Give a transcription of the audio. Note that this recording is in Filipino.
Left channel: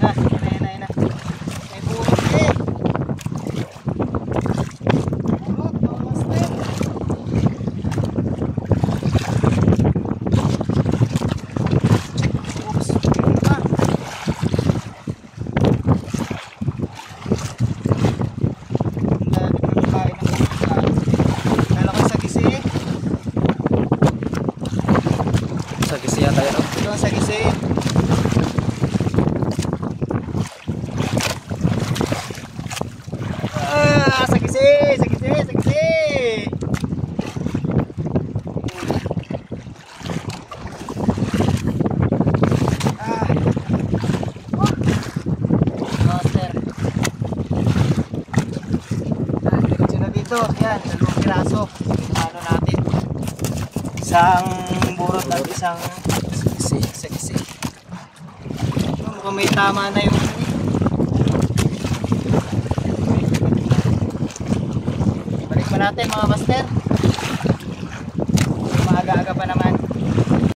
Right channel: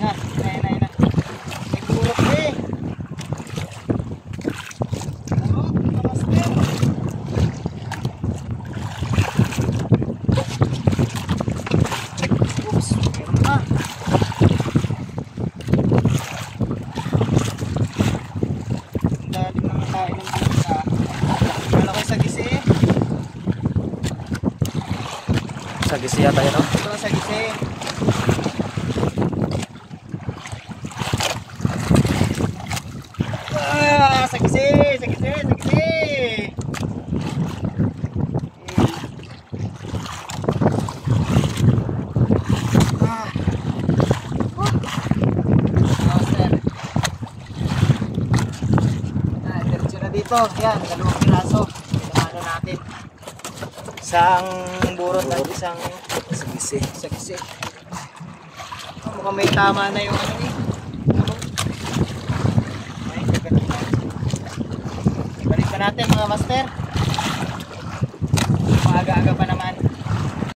Yan na. May purot eh. Purot, mga master. Oops, pa. Dali naman tayo ng purot. Kala ko sa gisi eh. Sa gisi yata yun, no? Ito sa gisi. Sagisi. Master. Diretso na dito. Yan, 2 piraso. Ano natin? Isang burot at isang sagisi. Mukhang may tama na yung ano eh. Balik pa natin mga master. Maaga-aga pa naman.